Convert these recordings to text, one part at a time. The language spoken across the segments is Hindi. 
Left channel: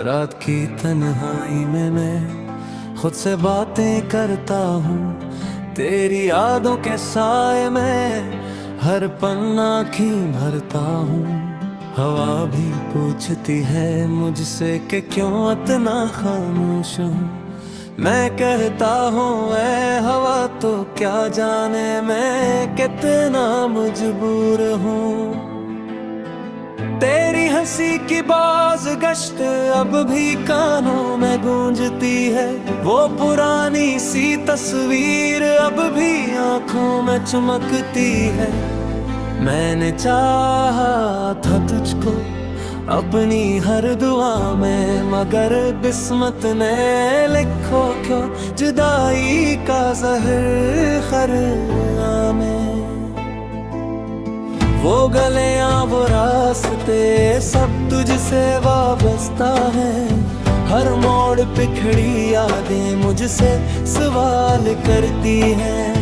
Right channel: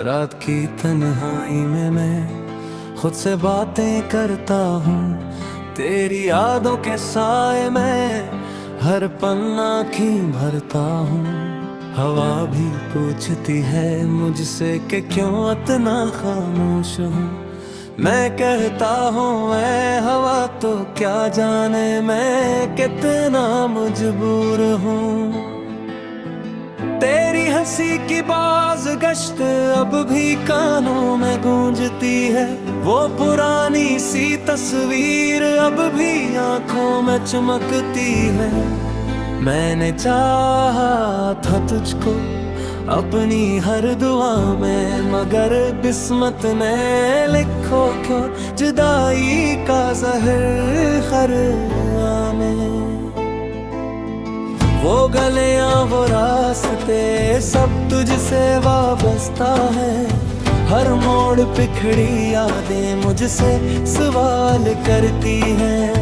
रात की तन्हाई में मैं खुद से बातें करता हूँ, तेरी यादों के साए में हर पल आँखें भरता हूँ। हवा भी पूछती है मुझसे कि क्यों इतना खामोश हूँ। मैं कहता हूँ ऐ हवा तो क्या जाने मैं कितना मजबूर हूँ। तेरी हंसी की बाज गश्त अब भी कानों में गूंजती है, वो पुरानी सी तस्वीर अब भी आंखों में चमकती है। मैंने चाहा था तुझको अपनी हर दुआ में, मगर किस्मत ने लिखो क्यों जुदाई का ज़हर खरा में। वो गलियां वो रास्ते सब तुझसे वाबस्ता है, हर मोड़ पे खड़ी यादें मुझसे सवाल करती हैं।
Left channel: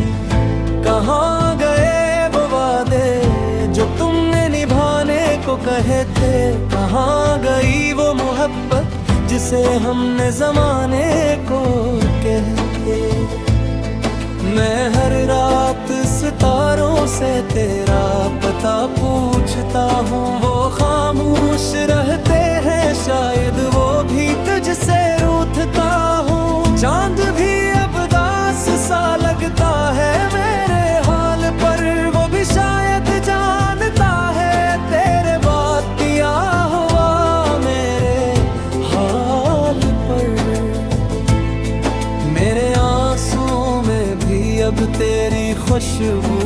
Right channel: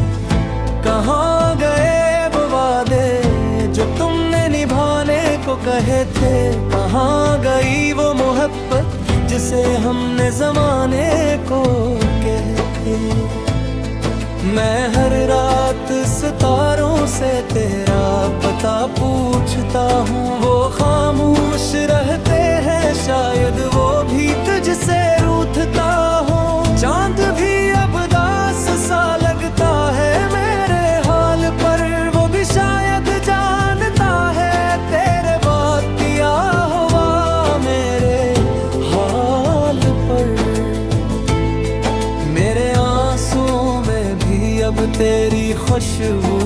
कहाँ गए वो वादे जो तुमने निभाने को कहे थे, कहाँ गई वो मोहब्बत जिसे हमने ज़माने को कहे। मैं हर रात सितारों से तेरा पता पूछता हूँ, वो खामोश रहते हैं शायद वो भी तुझसे रूठता हूँ। चांद भी अब दास सा लगता है मेरे हाल पर, वो भी शायद जानता है तेरे बात किया हुआ मेरे हाल पर। मेरे आंसुओं में भी अब तेरी खुशबू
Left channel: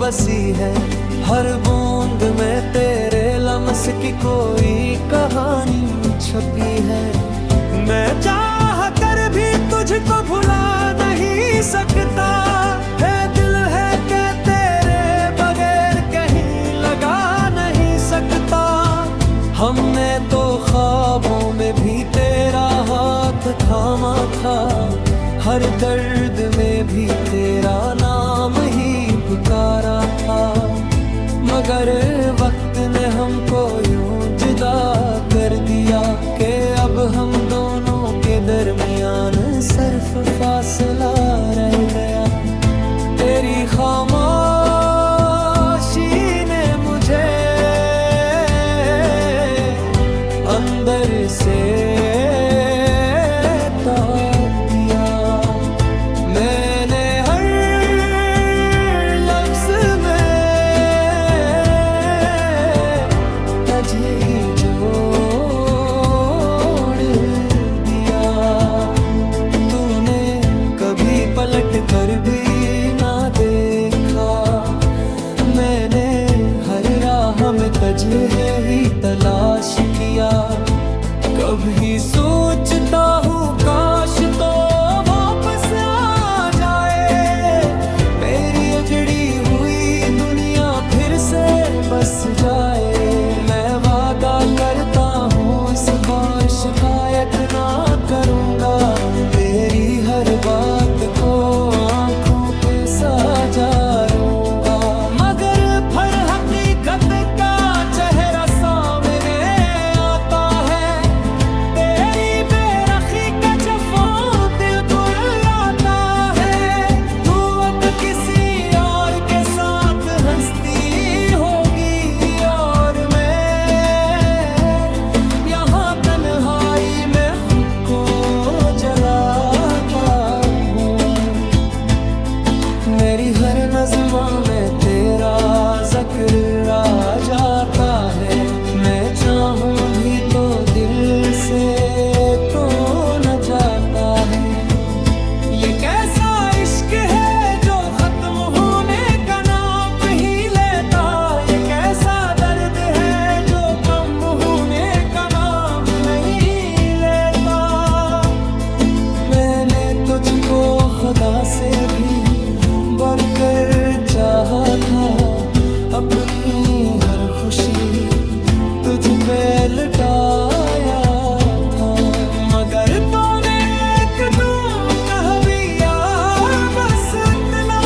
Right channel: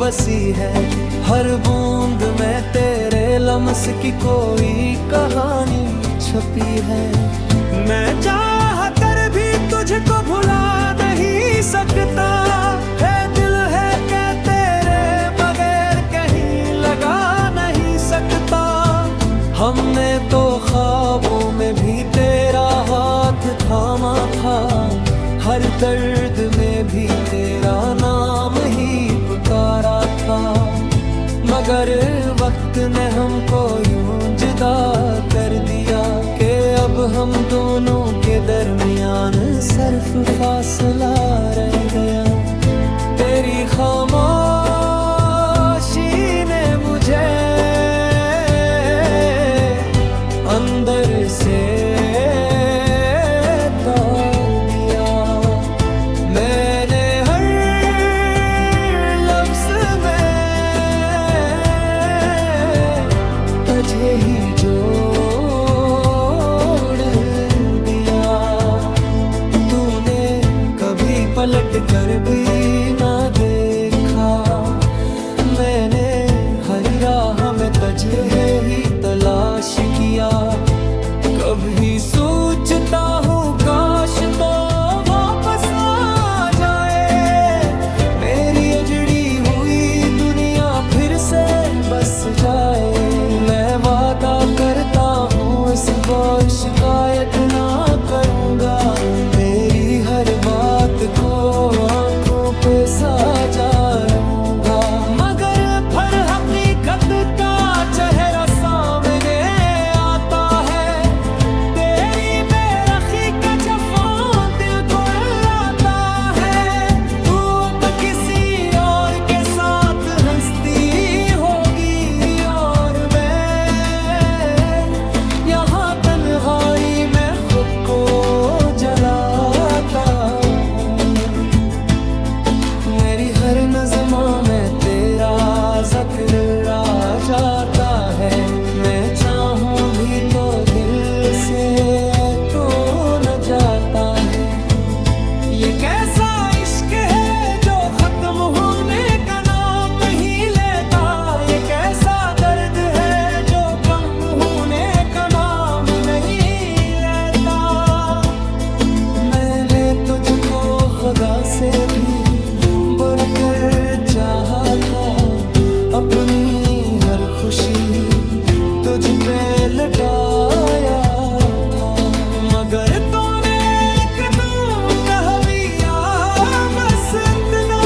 बसी है, हर बूंद में तेरे लम्स की कोई कहानी छपी है। मैं चाह कर भी तुझको भुला नहीं सकता, है दिल है कि तेरे बगैर कहीं लगा नहीं सकता। हमने तो ख्वाबों में भी तेरा हाथ थामा था, हर दर्द में भी तेरा नाम ही पुकारा था। मगर वक्त ने हमको यूं जुदा कर दिया कि अब हम दोनों के दरमियान सिर्फ फासला रह गया। तेरी खामोशी ने मुझे अंदर से तोड़ दिया। मैंने हर लफ्ज़ में तुझे ही जोड़ दिया। तूने कभी पलट कर भी ना देखा, मैंने हर राह में तुझे ही तलाश किया। कभी सोचता हूँ काश तो वापस आ जाए, मेरी उजड़ी हुई दुनिया फिर से बस जाए। मैं वादा करता हूँ इस बार शिकायत ना करूँगा, तेरी हर बात को आँखों पे साजा लूँगा। मगर फिर हकीकत का चेहरा सामने आता है, तेरी बेरखी का जफा दिल को रुलाता है। तू अब किसी और के साथ हंसती होगी और मैं यहाँ तन्हाई में खुद को जलाता हूँ। मेरी हर नज़्म में तेरा ज़िक्र आ जाता है, मैं चाहूँ भी तो दिल से तो न जाता है। ये कैसा इश्क है जो खत्म होने का नाम ही लेता, ये कैसा दर्द है जो कम होने का नाम नहीं लेता। मैंने तुझको खुदा से भी बढ़कर चाहा था, अपनी हर खुशी तुझ पे लुटाया था। मगर तूने एक तू कह दिया बस इतना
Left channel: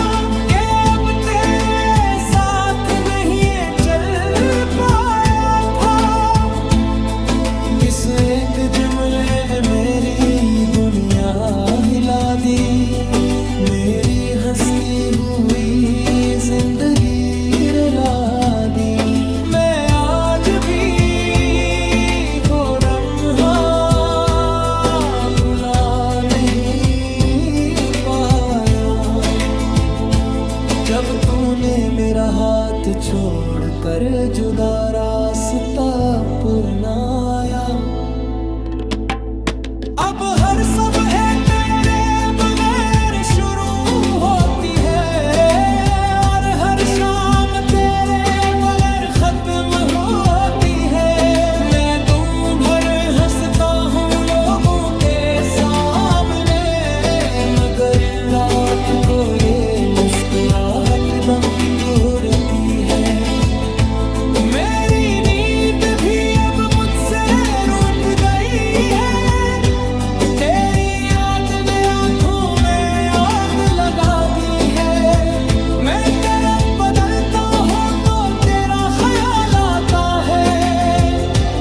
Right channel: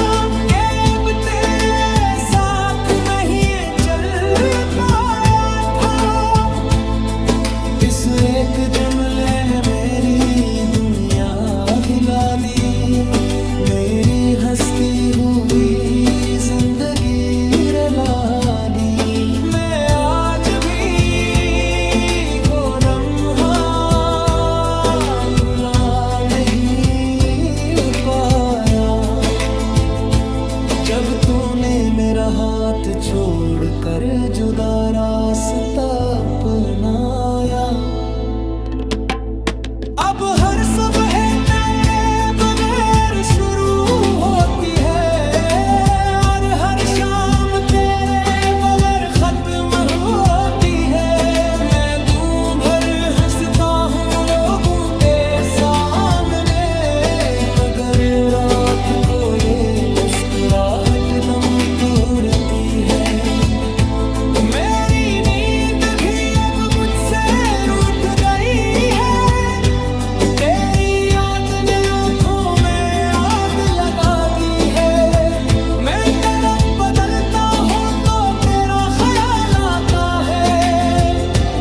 रुला दी, मेरी हंसती हुई जिंदगी रुला दी। मैं आज भी वो लम्हा भुला नहीं पाया, जब तूने मेरा हाथ छोड़कर जुदा रास्ता अपनाया। अब हर सुबह तेरे बगैर शुरू होती है, और हर शाम तेरे बगैर खत्म होती है। मैं दूं भर हंसता हूँ लोगों के सामने, मगर रात को ये मुस्कुराहट दम तोड़ती है। मेरी नींद भी अब मुझसे रूठ गई है, तेरी याद ने आंखों में आग लगा दी है। मैं तरफ बदलता हूँ तो तेरा ख्याल आता है,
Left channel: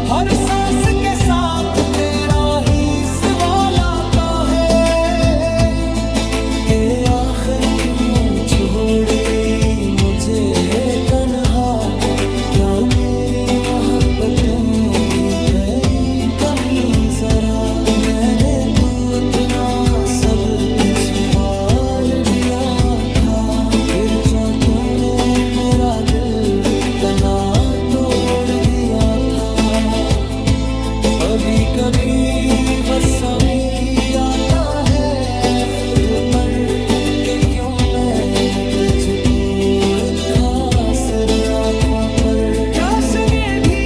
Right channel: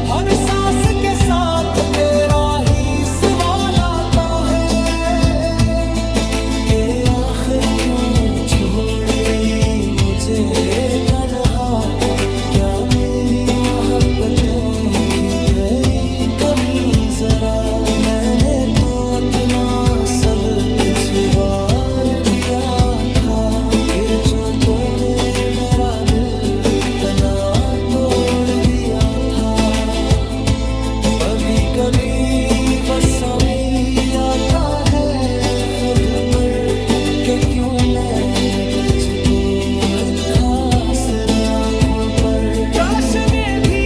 हर सांस के साथ तेरा ही सवाल आता है कि आखिर क्यों छोड़ गई मुझे तन्हा। क्या मेरी मोहब्बतें की गई कमी जरा, मैंने तो अपना सब कुछ वार दिया था। फिर चोटों ने मेरा दिल तना तोड़ दिया था। कभी कभी गुस्सा भी आता है खुद पर, कि क्यों मैंने तुझको रखा सिर आँखों पर। काश ये भी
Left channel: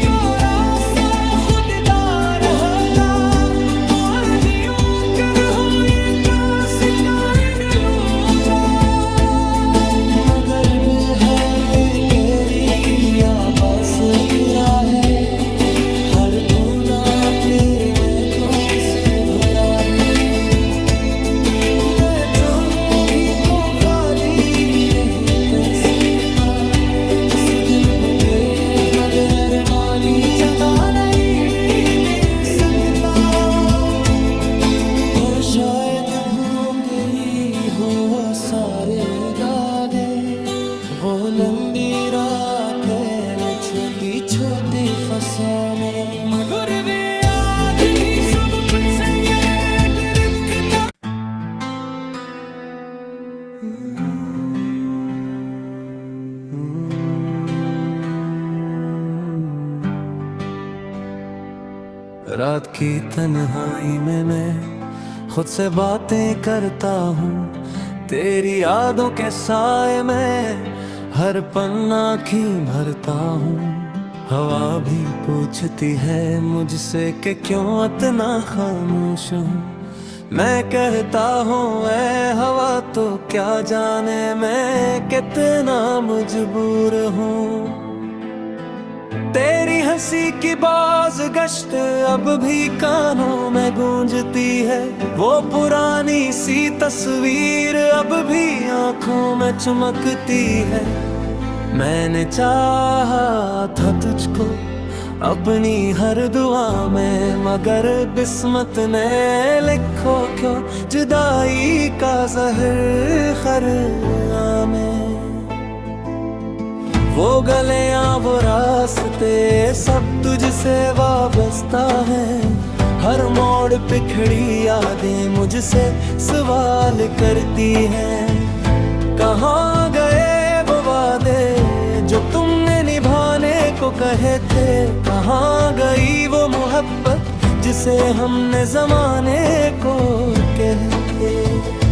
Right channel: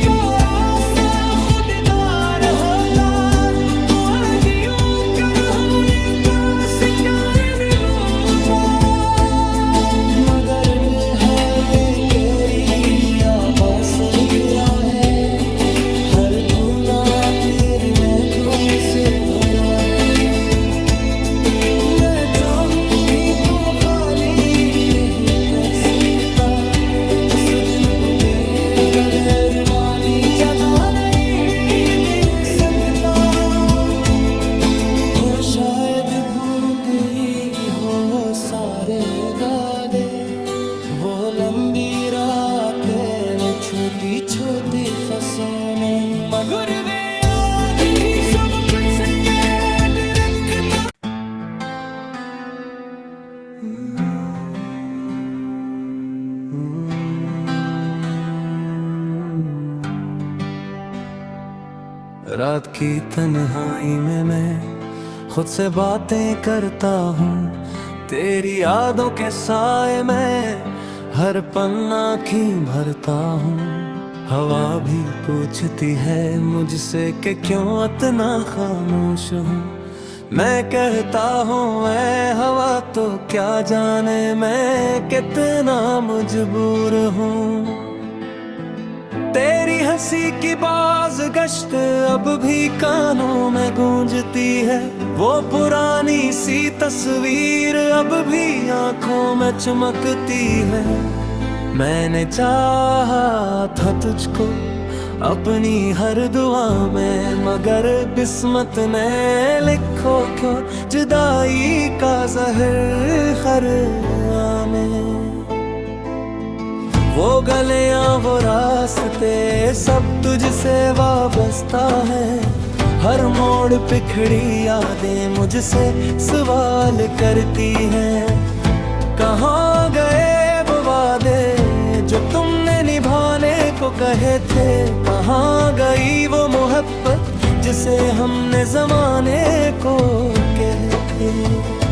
तो रास्ता खुददार होता, तो आज यूं कर हो ये काश क्या लूंगा। मगर बेहद तेरी आवाज़ गिरा है, हर फूला तेरे महंगों से भरा है। मैं चाहूं भी तो खाली नहीं कर सकता, इस दिल को दे बगैर माली जगह नहीं दे सकता। हो शायद भूल गई हो सारे वादे, वो लंबी रातें छोटी छोटी फसाने, मगर वे आज भी सब कुछ से ये रखता। रात की तन्हाई में मैं खुद से बातें करता हूँ, तेरी यादों के साए में हर पन्ना की भरता हूँ। हवा भी पूछती है मुझसे कि क्यों इतना खामोश हूँ। मैं कहता हूँ ऐ हवा तो क्या जाने मैं कितना मजबूर हूँ। तेरी हंसी की बाज गश्त अब भी कानों में गूंजती है, वो पुरानी सी तस्वीर अब भी आंखों में चमकती है। मैंने चाहा था तुझको अपनी हर दुआ में, मगर किस्मत ने लिखो क्यों जुदाई का ज़हर खरा में। वो गलियां वो रास्ते सब तुझसे वाबस्ता है, हर मोड़ पे खड़ी यादें मुझसे सवाल करती हैं। कहाँ गए वो वादे जो तुमने निभाने को कहे थे, कहाँ गई वो मोहब्बत जिसे हमने जमाने को कहे।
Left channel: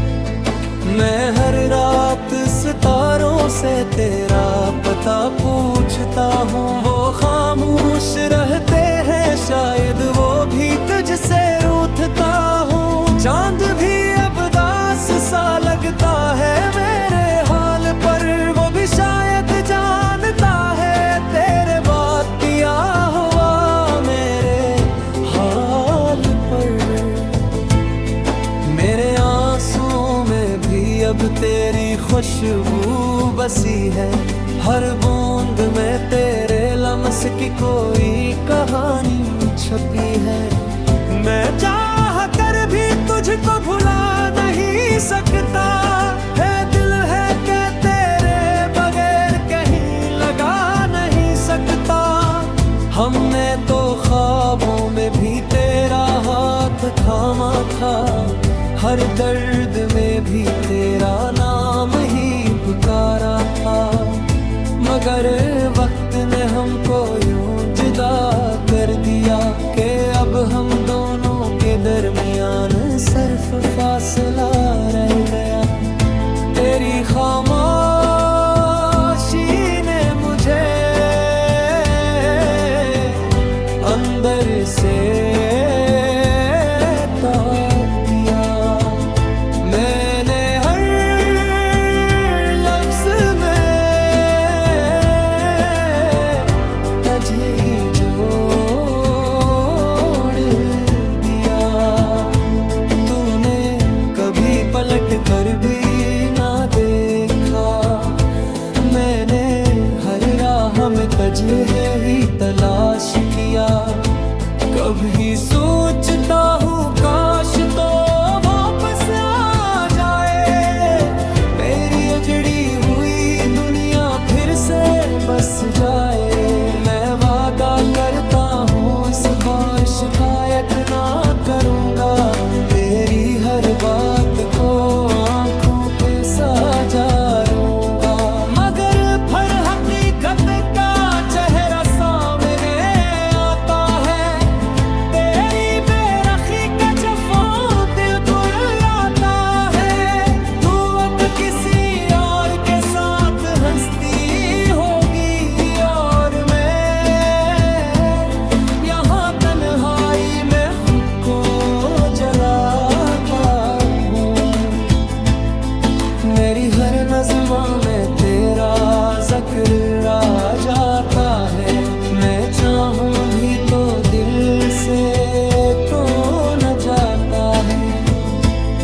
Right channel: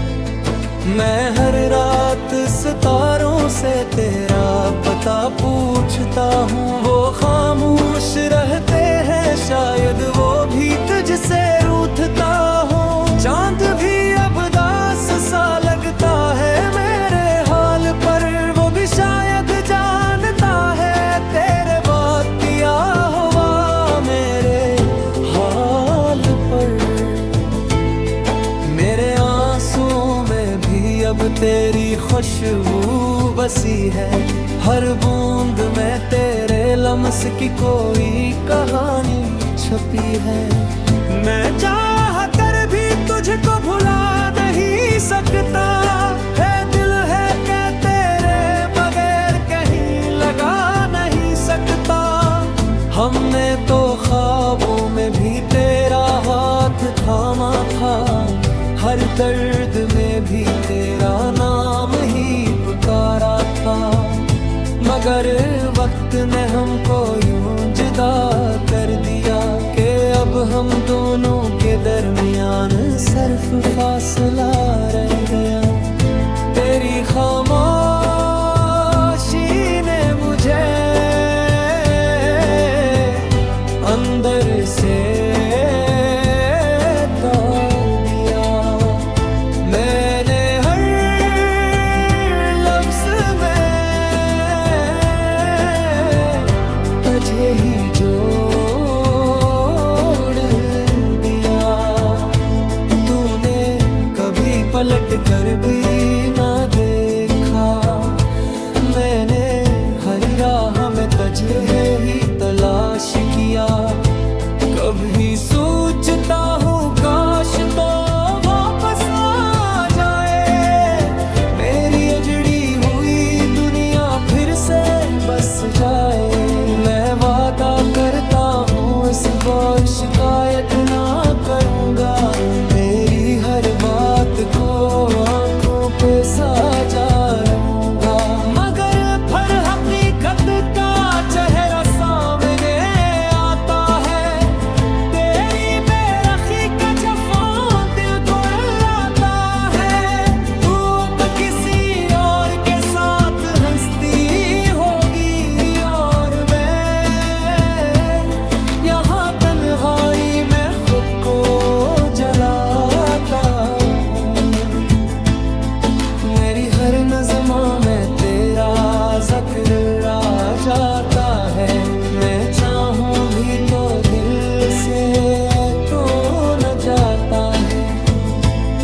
मैं हर रात सितारों से तेरा पता पूछता हूँ, वो खामोश रहते हैं शायद वो भी तुझसे रूठता हूँ। चांद भी अब दास सा लगता है मेरे हाल पर, वो भी शायद जानता है तेरे बात किया हुआ मेरे हाल पर। मेरे आंसुओं में भी अब तेरी खुशबू बसी है, हर बूंद में तेरे लम्स की कोई कहानी छपी है। मैं चाह कर भी तुझको भुला नहीं सकता, है दिल है क्या तेरे बगैर कहीं लगा नहीं सकता। हमने तो ख्वाबों में भी तेरा हाथ थामा था, हर दर्द में भी तेरा नाम ही पुकारा था। मगर वक्त ने हमको यूं जुदा कर दिया कि अब हम दोनों के दरमियान सिर्फ फासला रह गया। तेरी खामोशी ने मुझे अंदर से तोड़ दिया। मैंने हर लफ्ज में तुझे ही जोड़ दिया। तूने कभी पलट कर भी ना देखा, मैंने हर राह में तुझे ही तलाश किया। कभी सोचता हूँ काश तो वापस आ जाए, मेरी उजड़ी हुई दुनिया फिर से बस जाए। मैं वादा करता हूँ इस बार शिकायत ना करूँगा, तेरी हर बात को आंखों पे साजा लूँगा। मगर फिर हकीकत का चेहरा सामने आता है, तेरी बेरखी का जफा दिल को रुलाता है। तू अब किसी और के साथ हंसती होगी और मैं यहाँ तन्हाई में खुद को जलाता हूँ। मेरी हर नज़्म में तेरा ज़िक्र आ जाता है, मैं चाहूँ भी तो दिल से तो न जाता है।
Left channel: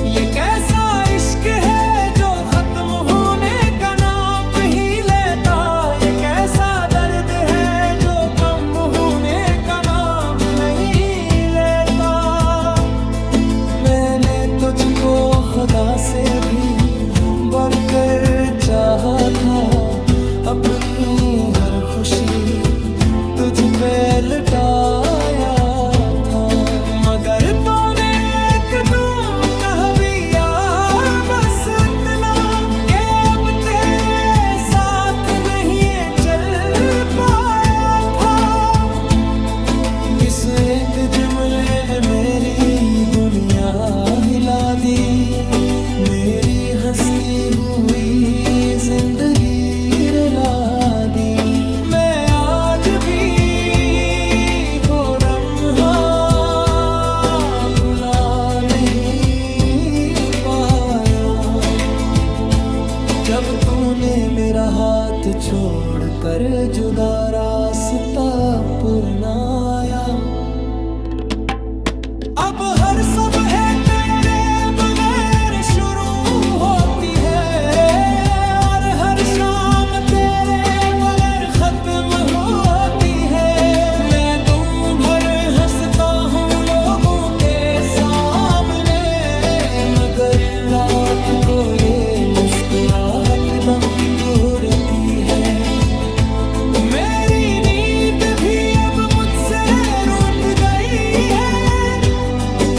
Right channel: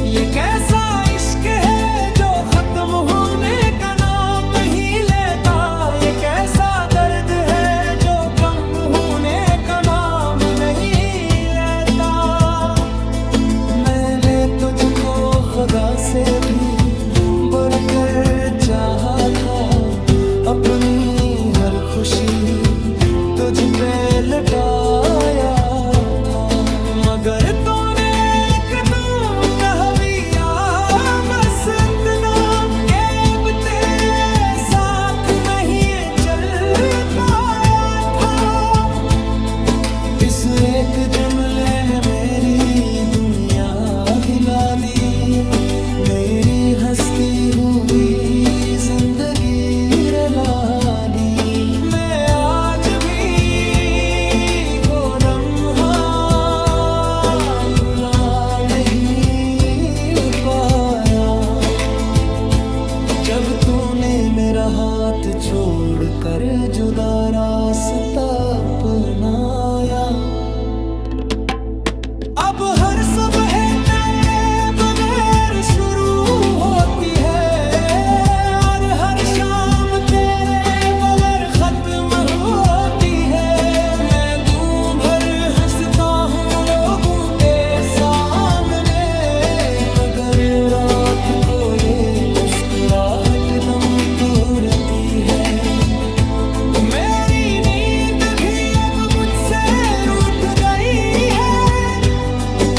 ये कैसा इश्क है जो खत्म होने का नाम ही लेता, ये कैसा दर्द है जो कम होने का नाम नहीं लेता। मैंने तुझको खुदा से भी बढ़कर चाहा था, अपनी हर खुशी तुझ पे लुटाया था। मगर तूने एक तो कह दिया बस इतना कि अब तेरे साथ नहीं चल पाया था। इस एक जुमले ने मेरी दुनिया हिला दी, मेरी हंसती हुई जिंदगी रुला दी। मैं आज भी वो लम्हा भुला नहीं पाया, जब तूने मेरा हाथ छोड़ कर जुदा रास्ता अपनाया। अब हर सुबह तेरे बगैर शुरू होती है और हर शाम तेरे बगैर खत्म होती है। मैं दूं भर हंसता हूँ लोगों के सामने, मगर रात को ये मुस्कुराहट दम तोड़ती है। मेरी नींद भी अब मुझसे रूठ गई है,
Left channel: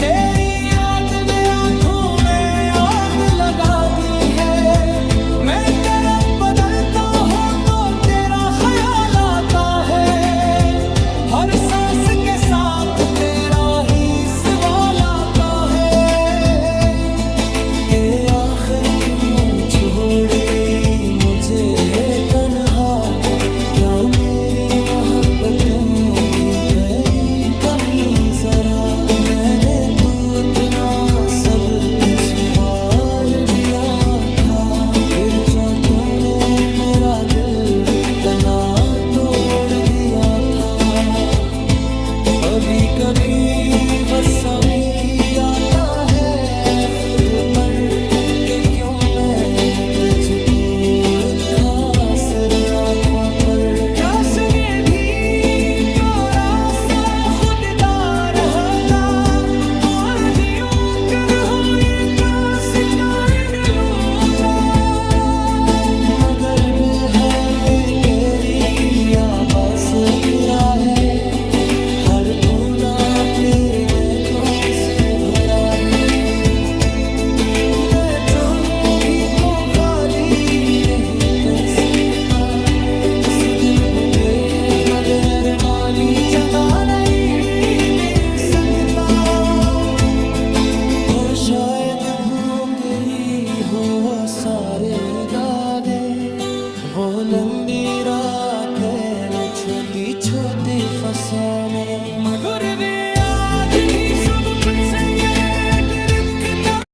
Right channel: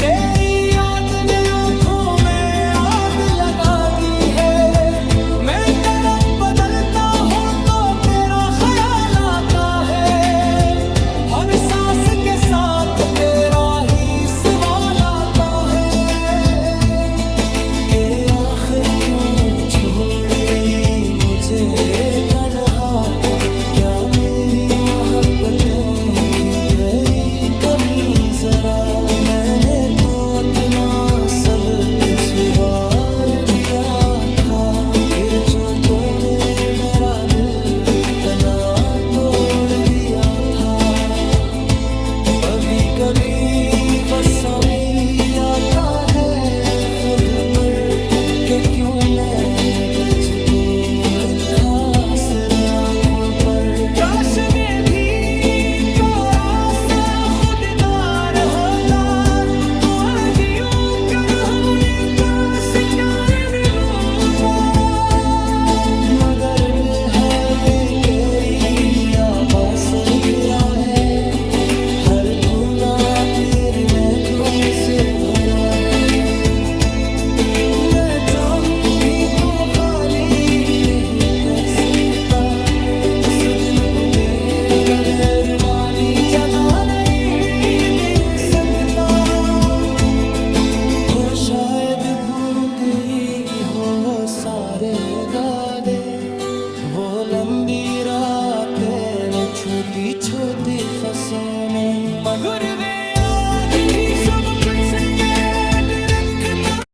तेरी याद ने आंखों में आग लगा दी है। मैं तरफ बदलता हूँ तो तेरा ख्याल आता है, हर सांस के साथ तेरा ही सवाल आता है कि आखिर क्यों छोड़ गई मुझे तन्हा। क्या मेरी मोहब्बतें थी गई कमी जरा, मैंने तो अपना सब कुछ वार दिया था। फिर चोटों ने मेरा दिल तना तोड़ दिया था। कभी कभी वसा भी आता है खुद पर कि क्यों मैंने तुझको रखा सिर आँखों पर। काश ये भी थोड़ा सा खुददार होता तो आज यूं कर से घिरा है, हर फूला तेरी महकों से भरा है। मैं चाहूं भी तो खाली नहीं कर सकता, इस दिल बुदे बगैर वाली जगह नहीं दे सकता। हो शायद भूल गई हो सारे वादे, वो लंबी रातें छोटी छोटी फसाने, मगर वे आज भी सब कुछ ये